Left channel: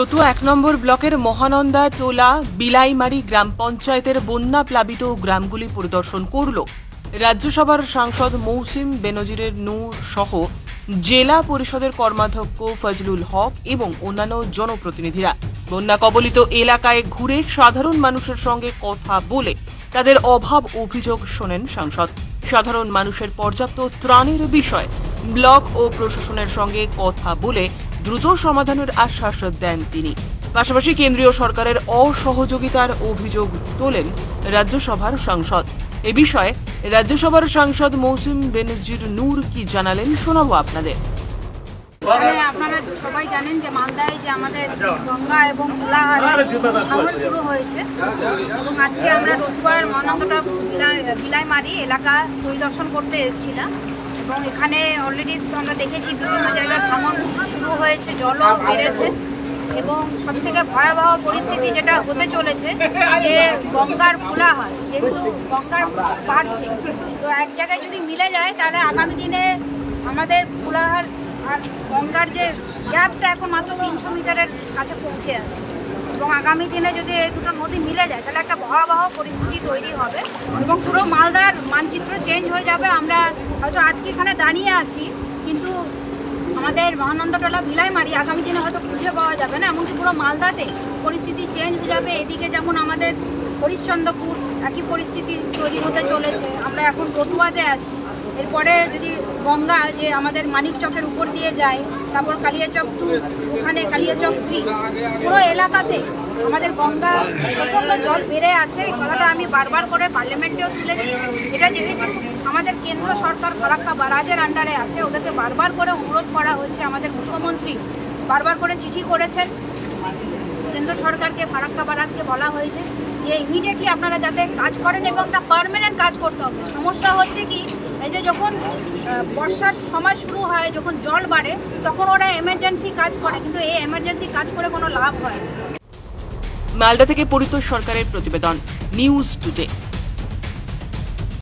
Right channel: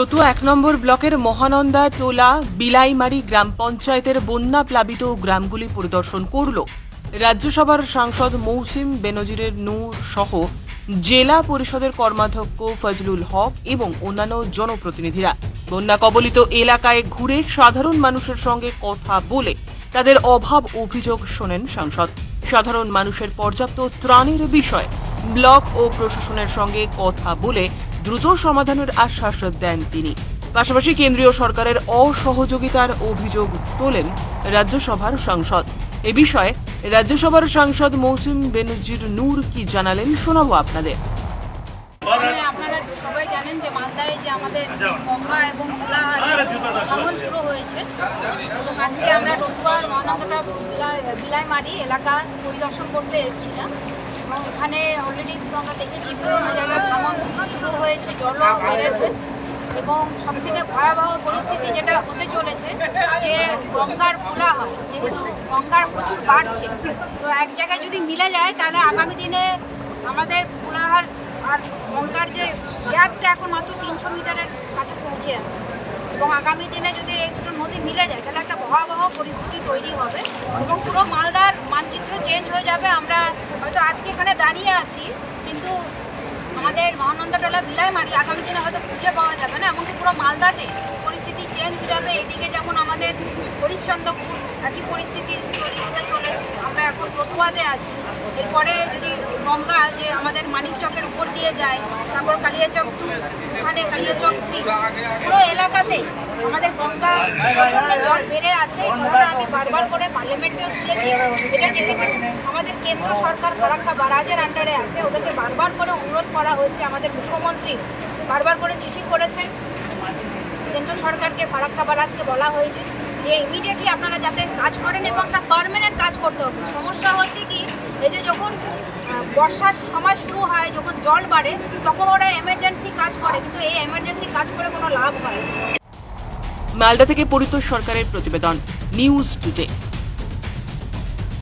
রতুয়া ১ নম্বর ব্লকের মহানন্দা টোলা বিলাইমারি গ্রাম পঞ্চায়েতের বন্যা প্লাবিত গ্রামগুলি পরিদর্শন করল রাজ্যসভার সাংসদ মৌসিম বেনজিরের নূর সহ জেলা পরিষদের কর্মাধ্যক্ষ ফজলুল হক এবং অন্যান্য জনপ্রতিনিধিরা। বন্যা কবলিত এলাকায় ঘুরে সাধারণ মানুষের সঙ্গে কথা বলে তাদের অভাব অভিযোগ শোনেন সাংসদ। সাধারণ মানুষের পর্যাপ্ত ত্রাণের বিষয়ে ব্লক ও প্রশাসনের সঙ্গে কথা বলে দ্রুত সমাধানের আশ্বাস দেন তিনি। পাশাপাশি কেন্দ্রীয় সরকারের অসহযোগিতার অভিযোগ তোলেন রাজ্যসভার সাংসদ। এ বিষয়ে রাজ্যসভার সাংসদ মৌসিম বেনজির নূর কি জানালেন শোনাবো আপনাদের। আপনারা সবাই জানেন যে মালদায় যে আমাদের গঙ্গা এবং কোলাহারে ভাঙন শুরু হয়েছে এবং আজকে আমরা রতুয়ার মহানন্দা বিলাইমারি এলাকা পরিদর্শন করতে এসেছিলাম এবং এখানে অলরেডি আমরা দেখেছি বিভিন্ন জায়গায় ভাঙন শুরু হয়েছে, জলও বেড়েছে এবং সবথেকে ভয়াবহ পরিস্থিতি যেটা হতে চলেছে যে গঙ্গার কোলাহার, যেহেতু গঙ্গার প্রচুর বাড়ছে, তো এক জায়গায় যদি মিলে যায় তাহলে আগামী দিনে আমাদের কোলাহার আর গঙ্গার যে গ্যাপটা এখন মাত্র ৩০০ মিটারের কাছে পৌঁছে যাচ্ছে এবং আগামী দিনে যদি এই দুটো নদী মিলে যায় তাহলে একটা ভয়াবহ পরিস্থিতি তৈরি হবে এবং পুরো মালদার মানচিত্র চেঞ্জ হয়ে যাবে। আমরা হয়তো আজকে এখানে দাঁড়িয়ে আছি কিন্তু আমাদের মহানন্দাটোলা বিলাইমারি আগামী দিনে হয়তো খুঁজে পাওয়া যাবে না, এমনকি পুরো মালদাতে পরিস্থিতি চেঞ্জ হয়ে যাবে। এদিকে যেমন আমাদের হরিশ্চন্দ্রপুর একই পরিস্থিতি তৈরি হতে চলেছে। আমরা এখন রতুয়াতে আছি, এরপরে যদি গঙ্গা যে আমাদের মানিকচকের উপর দিয়ে যায়, তারপর কালিয়াচক 2, ওখানে কালিয়াচক 3, পুরো এলাকাতে আমাদের গঙ্গা প্রচণ্ড জল বেড়ে আছে। এই কথাটা আমি বারবার করে পার্লামেন্টেও তুলেছি। এটা যেহেতু আমাদের কেন্দ্র সরকার ফারাক্কা বারাজের আন্ডারে আছে, ওদেরকে বারবার করে অনুরোধ করা হয়েছে। আমাদের মুখ্যমন্ত্রী বারবার করে চিঠি করেছেন কেন্দ্র সরকারকে, ফারাক্কা বারাজকে বলা হয়েছে যে ইমিডিয়েটলি আপনারা যাতে কাজ করেন এবং একটা পার্মানেন্ট কাজ করতে হবে। সমস্যা হচ্ছে কি, এই যে যখন বর্ষার সময় শুরু হয়, যখন জল বাড়ে, তখন ওরা এমার্জেন্সি কাজ করে, কিন্তু এই এমার্জেন্সি কাজ করে কোনো লাভ হয়। মালদা থেকে পরিতোষ সরকারের প্রতিবেদন, নিউজ টুডে।